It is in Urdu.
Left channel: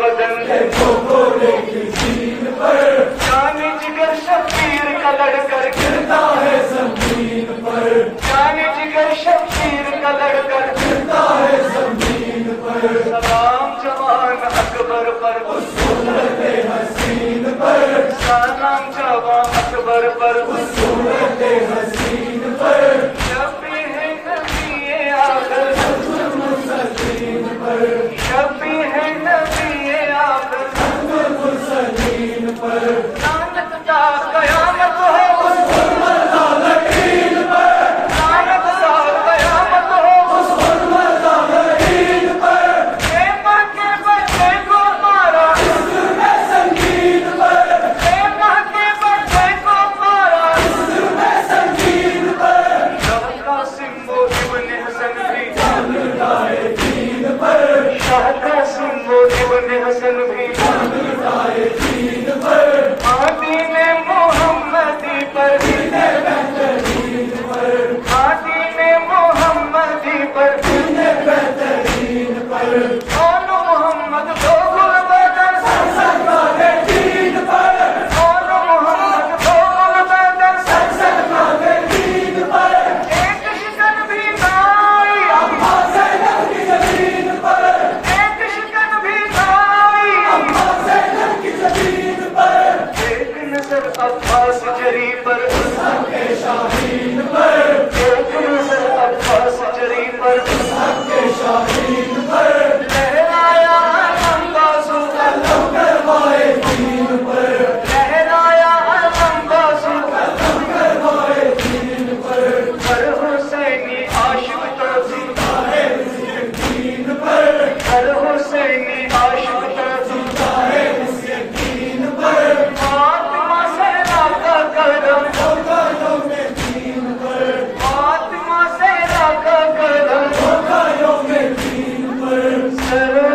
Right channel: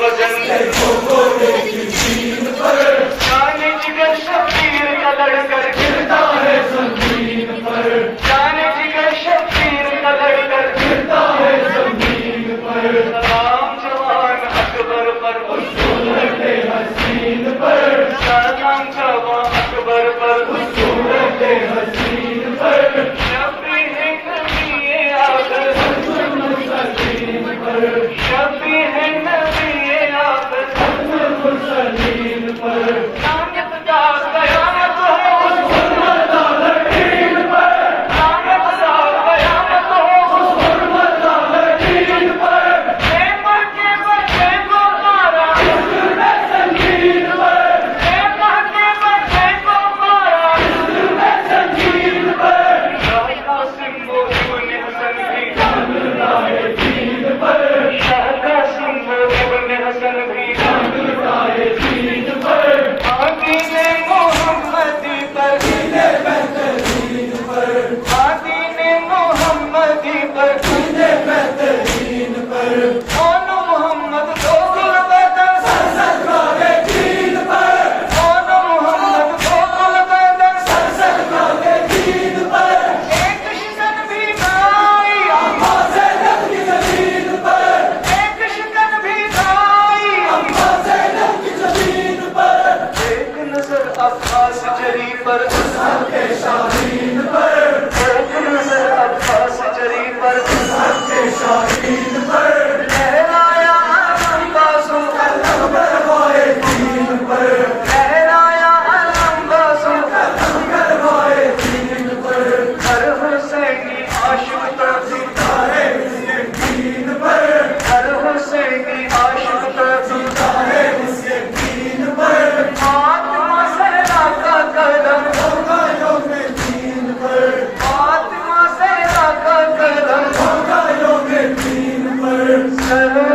وزن جان جگر شبیر کا لڑ کر گرتا ہے زمین پر جان جگر شبیر کا لڑ کر گرتا ہے زمین پر سلام جوان اکبر پر صورت حسین پر سلام جوان اکبر پر صورت حسین پر شبی ہے نبی آخر المرسلین پر شبی ہے نبی آخر المرسلین پر لعنت کا قیامت ہو اس حرمت العالمین پر لعنت کا قیامت ہو اس حرمت العالمین پر اے ماں کے بچے کو مارا اس ظلم سنگین پر اے ماں کے بچے کو مارا اس ظلم سنگین پر شاہ قاسم و ابن حسن بھی جان لائے دین پر شاہ قاسم و ابن حسن بھی جان لائے دین پر دین محمدی پر دین بہترین پر دین محمدی پر دین بہترین پر کون محمد دو گل بدن سر سکرائے دین پر کون محمد دو گل بدن سر سکرائے دین پر ایک شکن بھی نائی اماں زینب کی زمین پر ایک شکن بھی نائی اماں زینب کی زمین پر ایک نظر عباس جری پر حسن کے شاہین پر ایک نظر عباس جری پر حسن کے شاہین پر لہرایا علم بازو علم کروائے دین پر لہرایا علم بازو علم کروائے دین پر ہر حسینی عاشق تو زندہ ہے اس یقین پر ہر حسینی عاشق تو زندہ ہے اس یقین پر فاطمہ زہرا کا کرم ہوگا یوم دین پر فاطمہ زہرا کا کرم ہوگا یوم دین پر